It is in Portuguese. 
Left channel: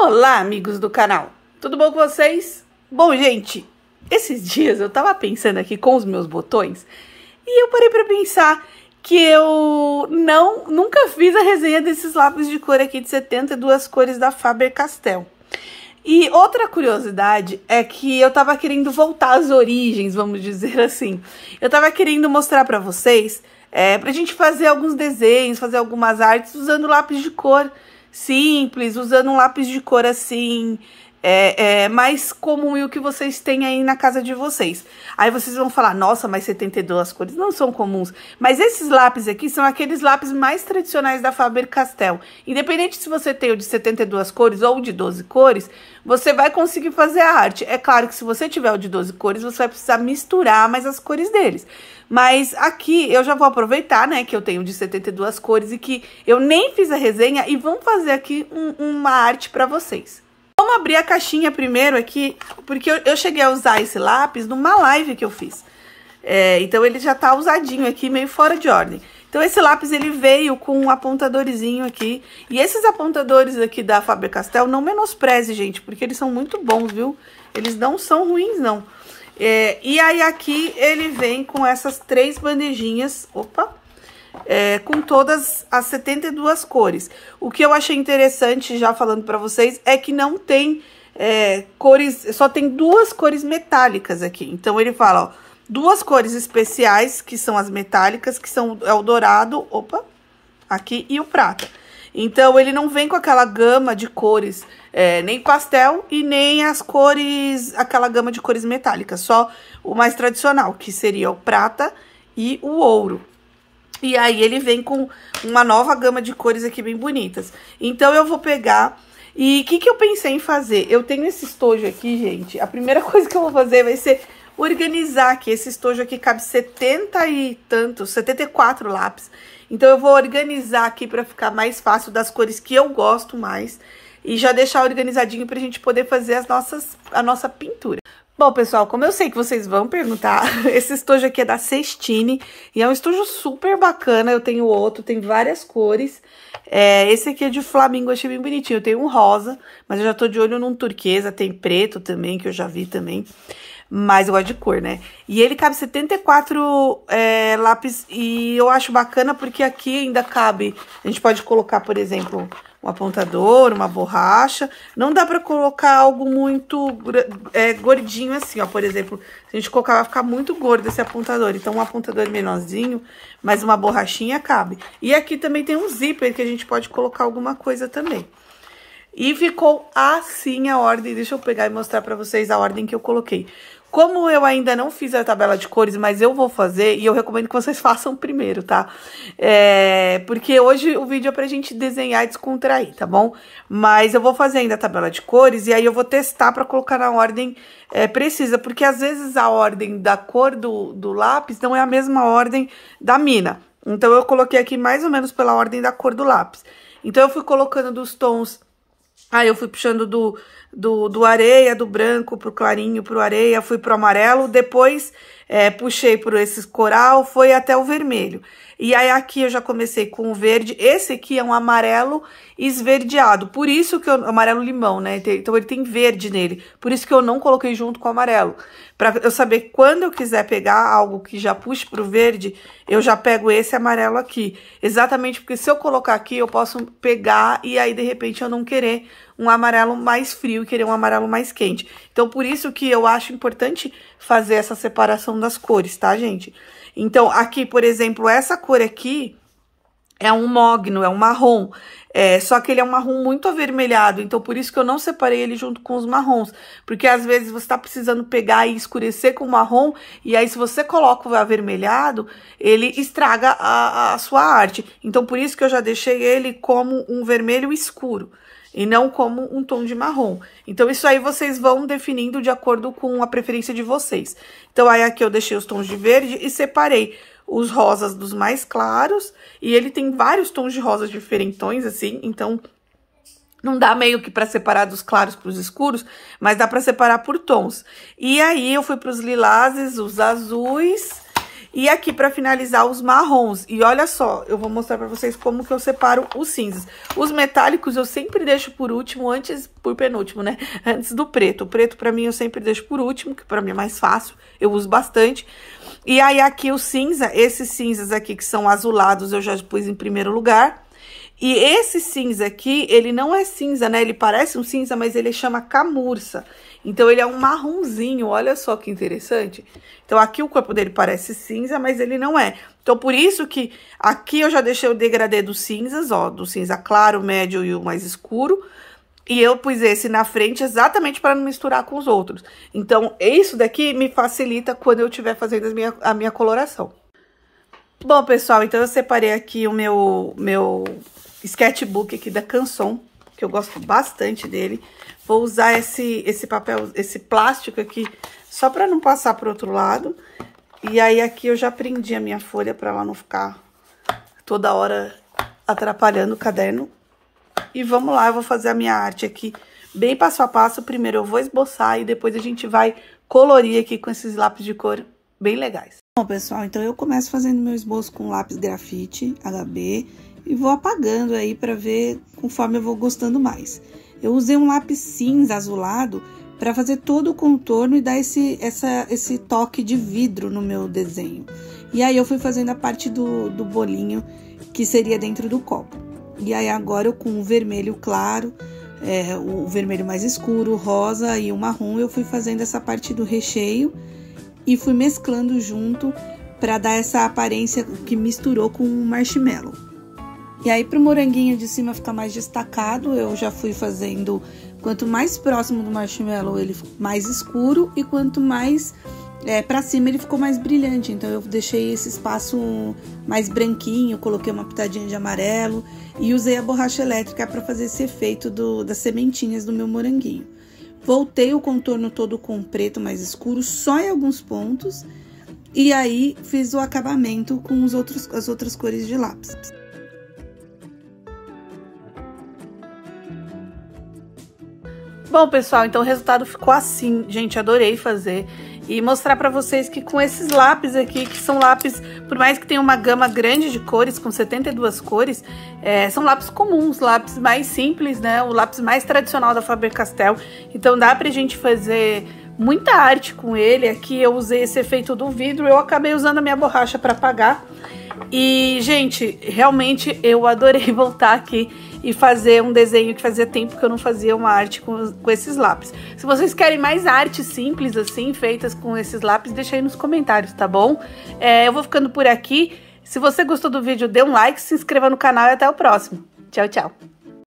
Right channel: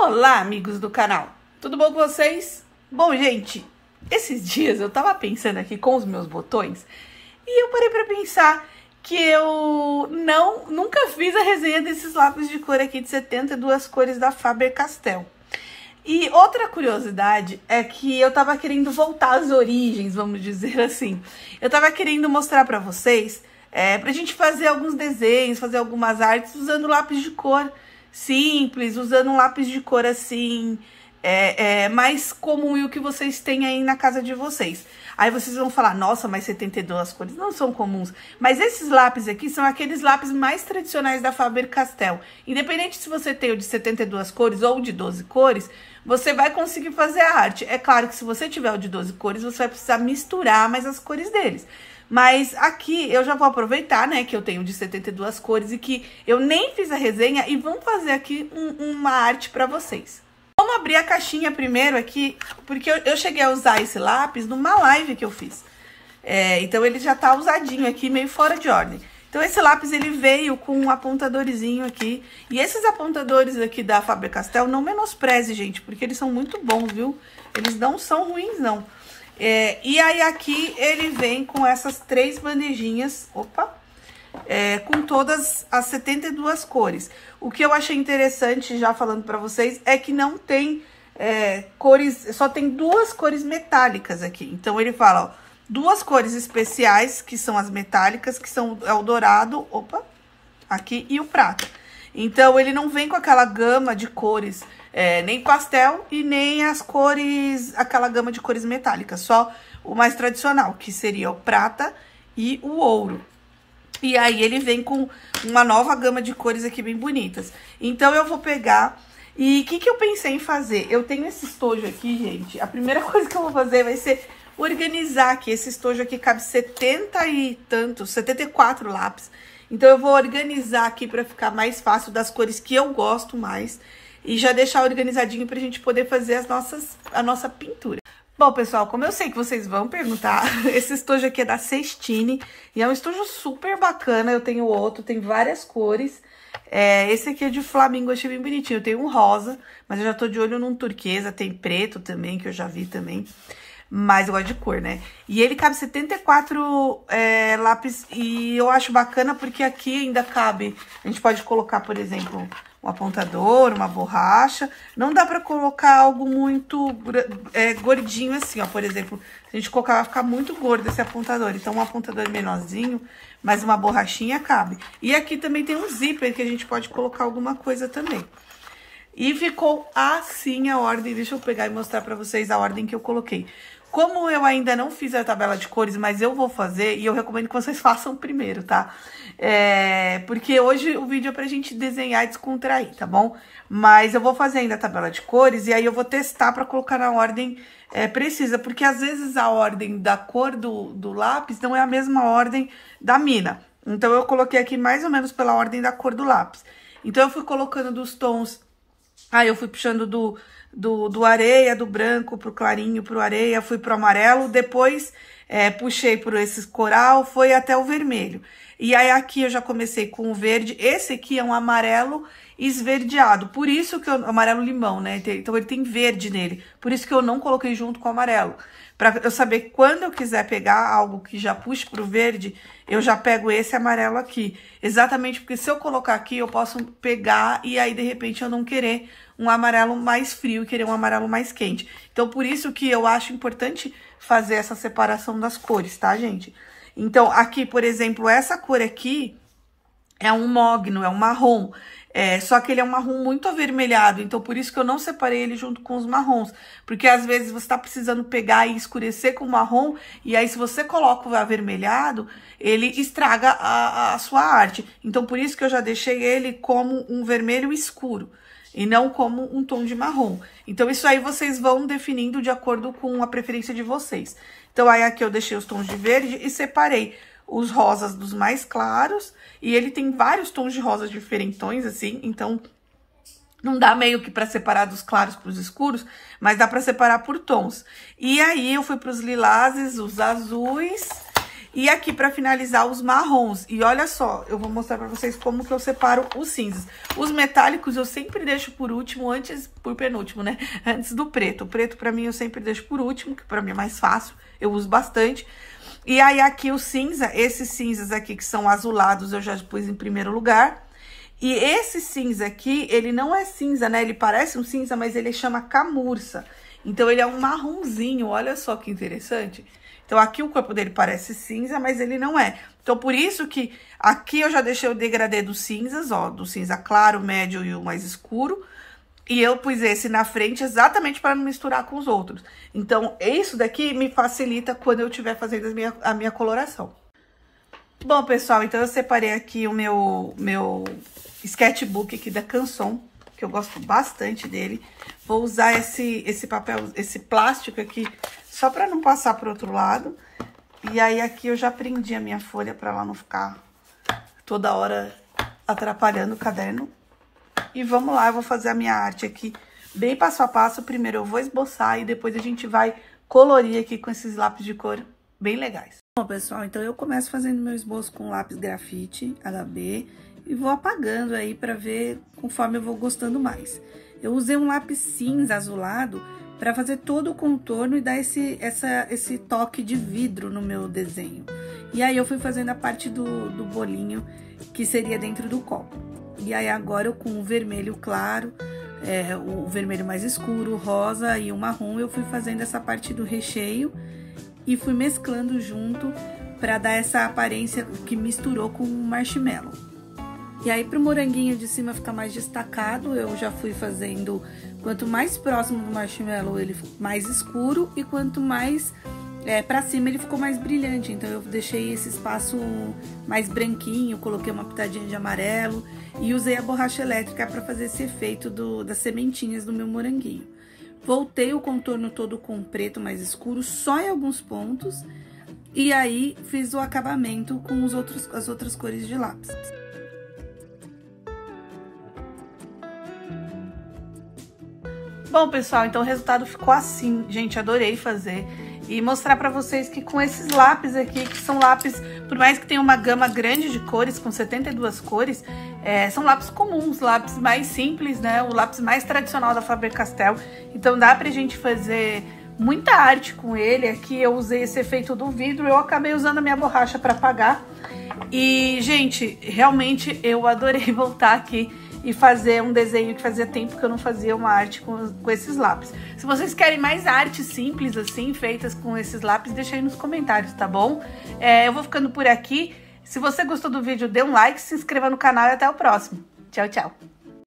Olá, amigos do canal, tudo bom com vocês? Bom, gente, esses dias eu tava pensando aqui com os meus botões e eu parei pra pensar que eu nunca fiz a resenha desses lápis de cor aqui de 72 cores da Faber-Castell. E outra curiosidade é que eu tava querendo voltar às origens, vamos dizer assim. Eu tava querendo mostrar pra vocês, pra gente fazer alguns desenhos, fazer algumas artes usando lápis de cor simples, usando um lápis de cor assim, mais comum e o que vocês têm aí na casa de vocês. Aí vocês vão falar, nossa, mas 72 cores não são comuns. Mas esses lápis aqui são aqueles lápis mais tradicionais da Faber-Castell. Independente se você tem o de 72 cores ou de 12 cores, você vai conseguir fazer a arte. É claro que se você tiver o de 12 cores, você vai precisar misturar mais as cores deles. Mas aqui eu já vou aproveitar, né, que eu tenho de 72 cores e que eu nem fiz a resenha e vamos fazer aqui uma arte pra vocês. Vamos abrir a caixinha primeiro aqui, porque eu cheguei a usar esse lápis numa live que eu fiz. Então ele já tá usadinho aqui, meio fora de ordem. Então esse lápis ele veio com um apontadorzinho aqui. E esses apontadores aqui da Faber-Castell, não menospreze, gente, porque eles são muito bons, viu? Eles não são ruins, não. E aí aqui ele vem com essas 3 bandejinhas, com todas as 72 cores. O que eu achei interessante, já falando pra vocês, é que não tem cores, só tem 2 cores metálicas aqui. Então ele fala, ó, 2 cores especiais, que são as metálicas, que são o dourado, aqui, e o prata. Então ele não vem com aquela gama de cores, nem pastel e nem as cores, aquela gama de cores metálicas, só o mais tradicional, que seria o prata e o ouro. E aí ele vem com uma nova gama de cores aqui bem bonitas. Então eu vou pegar, e o que eu pensei em fazer? Eu tenho esse estojo aqui, gente, a primeira coisa que eu vou fazer vai ser organizar aqui. Esse estojo aqui cabe 74 lápis. Então, eu vou organizar aqui pra ficar mais fácil das cores que eu gosto mais. E já deixar organizadinho pra gente poder fazer a nossa pintura. Bom, pessoal, como eu sei que vocês vão perguntar, esse estojo aqui é da Sestini. E é um estojo super bacana. Eu tenho outro, tem várias cores. Esse aqui é de flamingo, achei bem bonitinho. Eu tenho um rosa, mas eu já tô de olho num turquesa. Tem preto também, que eu já vi também. Mas eu gosto de cor, né? E ele cabe 74 lápis e eu acho bacana porque aqui ainda cabe... A gente pode colocar, por exemplo, um apontador, uma borracha. Não dá pra colocar algo muito gordinho assim, ó. Por exemplo, se a gente colocar, vai ficar muito gordo esse apontador. Então, um apontador menorzinho, mas uma borrachinha cabe. E aqui também tem um zíper que a gente pode colocar alguma coisa também. E ficou assim a ordem. Deixa eu pegar e mostrar pra vocês a ordem que eu coloquei. Como eu ainda não fiz a tabela de cores, mas eu vou fazer, e eu recomendo que vocês façam primeiro, tá? Porque hoje o vídeo é pra gente desenhar e descontrair, tá bom? Mas eu vou fazer ainda a tabela de cores, e aí eu vou testar pra colocar na ordem precisa, porque às vezes a ordem da cor do lápis não é a mesma ordem da mina. Então, eu coloquei aqui mais ou menos pela ordem da cor do lápis. Então, eu fui colocando dos tons... Aí, eu fui puxando do areia, do branco pro clarinho, pro areia, fui pro amarelo, depois puxei por esse coral, foi até o vermelho. E aí, aqui eu já comecei com o verde, esse aqui é um amarelo esverdeado, por isso que amarelo limão, né? Então, ele tem verde nele, por isso que eu não coloquei junto com o amarelo. Pra eu saber quando eu quiser pegar algo que já puxe pro verde, eu já pego esse amarelo aqui. Exatamente porque se eu colocar aqui, eu posso pegar e aí, de repente, eu não querer um amarelo mais frio e querer um amarelo mais quente. Então, por isso que eu acho importante fazer essa separação das cores, tá, gente? Então, aqui, por exemplo, essa cor aqui é um mogno, é um marrom. Só que ele é um marrom muito avermelhado, então por isso que eu não separei ele junto com os marrons. Porque às vezes você tá precisando pegar e escurecer com o marrom, e aí se você coloca o avermelhado, ele estraga a sua arte. Então por isso que eu já deixei ele como um vermelho escuro, e não como um tom de marrom. Então isso aí vocês vão definindo de acordo com a preferência de vocês. Então aí aqui eu deixei os tons de verde e separei os rosas dos mais claros, e ele tem vários tons de rosas diferentões, assim, então não dá meio que pra separar dos claros pros escuros, mas dá pra separar por tons. E aí eu fui pros lilazes, os azuis, E aqui pra finalizar os marrons. E olha só, eu vou mostrar pra vocês como que eu separo os cinzas. Os metálicos eu sempre deixo por último, por penúltimo, né? Antes do preto. O preto pra mim eu sempre deixo por último, que pra mim é mais fácil, eu uso bastante. E aí aqui o cinza, esses cinzas aqui que são azulados eu já pus em primeiro lugar. E esse cinza aqui, ele não é cinza, né? Ele parece um cinza, mas ele chama camurça. Então, ele é um marronzinho, olha só que interessante. Então, aqui o corpo dele parece cinza, mas ele não é. Então, por isso que aqui eu já deixei o degradê dos cinzas, ó, do cinza claro, médio e o mais escuro. E eu pus esse na frente exatamente para não misturar com os outros. Então, isso daqui me facilita quando eu estiver fazendo a minha coloração. Bom, pessoal, então eu separei aqui o meu sketchbook aqui da Canson, que eu gosto bastante dele. Vou usar esse papel, esse plástico aqui, só para não passar pro outro lado. E aí, aqui eu já prendi a minha folha para ela não ficar toda hora atrapalhando o caderno. E vamos lá, eu vou fazer a minha arte aqui bem passo a passo. Primeiro eu vou esboçar e depois a gente vai colorir aqui com esses lápis de cor bem legais. Bom, pessoal, então eu começo fazendo meu esboço com lápis grafite HB e vou apagando aí para ver conforme eu vou gostando mais. Eu usei um lápis cinza azulado para fazer todo o contorno e dar esse toque de vidro no meu desenho. E aí eu fui fazendo a parte do bolinho que seria dentro do copo. E aí agora eu com o vermelho claro, o vermelho mais escuro, o rosa e o marrom, eu fui fazendo essa parte do recheio e fui mesclando junto para dar essa aparência que misturou com o marshmallow. E aí pro moranguinho de cima ficar mais destacado, eu já fui fazendo, quanto mais próximo do marshmallow ele mais escuro e quanto mais pra cima ele ficou mais brilhante. Então eu deixei esse espaço mais branquinho, coloquei uma pitadinha de amarelo e usei a borracha elétrica para fazer esse efeito das sementinhas do meu moranguinho. Voltei o contorno todo com preto mais escuro, só em alguns pontos, e aí fiz o acabamento com as outras cores de lápis. Bom, pessoal, então o resultado ficou assim. Gente, adorei fazer e mostrar pra vocês que com esses lápis aqui, que são lápis, por mais que tenha uma gama grande de cores, com 72 cores, são lápis comuns, lápis mais simples, né? O lápis mais tradicional da Faber-Castell. Então dá pra gente fazer muita arte com ele. Aqui eu usei esse efeito do vidro, eu acabei usando a minha borracha pra apagar. E, gente, realmente eu adorei voltar aqui e fazer um desenho que fazia tempo que eu não fazia uma arte com esses lápis. Se vocês querem mais artes simples assim, feitas com esses lápis, deixa aí nos comentários, tá bom? Eu vou ficando por aqui. Se você gostou do vídeo, dê um like, se inscreva no canal e até o próximo. Tchau, tchau!